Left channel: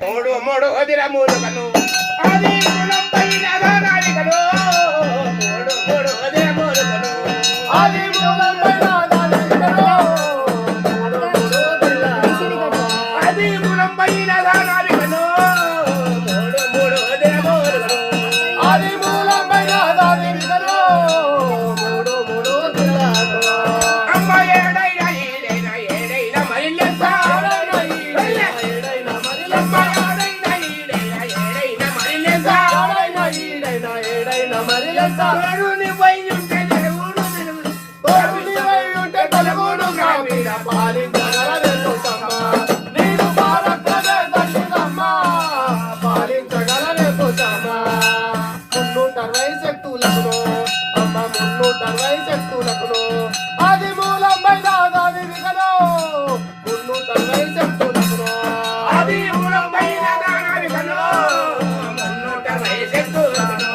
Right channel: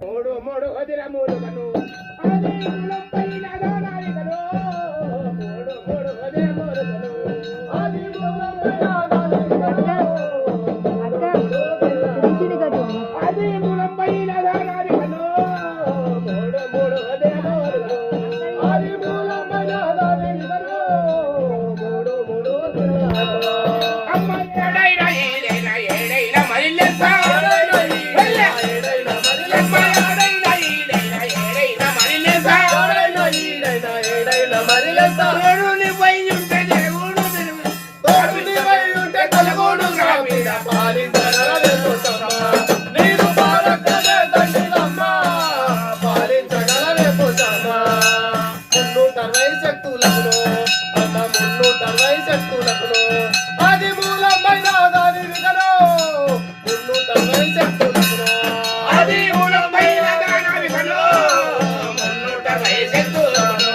తోడు మోడు అదిరములు కను అది కులంపైన దానాలికను మోడు మోడు అదిరములు కను అది కులంపైన దానాలికను అది కులంపైన దానాలికను మోడు మోడు అదిరములు కను అది కులంపైన దానాలికను మోడు మోడు అదిరములు అమ్మ ఏడైనా ఏడైనా ఏడైనా మరిల్లెప్ప అది మూలమైన దాని విగలో 360 శక్తులకు అది మూలమైన దాని విగలో 360 శక్తులకు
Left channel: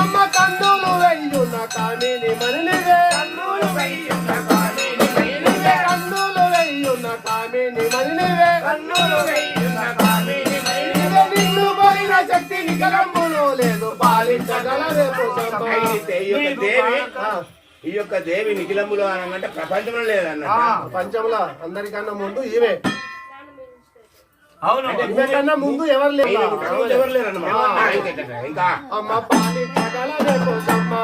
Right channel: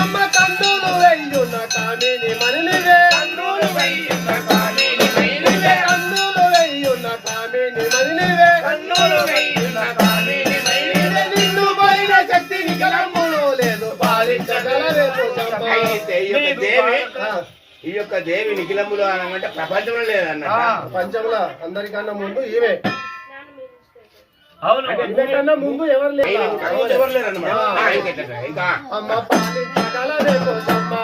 అమ్మ కందులు వెయ్యున్న కామిని మనిలివే కందులు వెయ్యున్న కామిని మనిలివే కందులు వెయ్యున్న కామిని మనిలివే కందులు వెయ్యున్న కామిని మనిలివే నిన్ను పైన శక్తి నికలంబులో లేదు పాలించగలవే ఈ యొక్క దేవి నిఖిలములు అనమంటే ప్రపంచంలో లేదన్న ప్రపంచంలో అందరికన్నా ముందు ఈమె కన్నా ముందు ఎవరు లేరు ఇంకా అమ్మ పాలించగలవే కోసమ్మ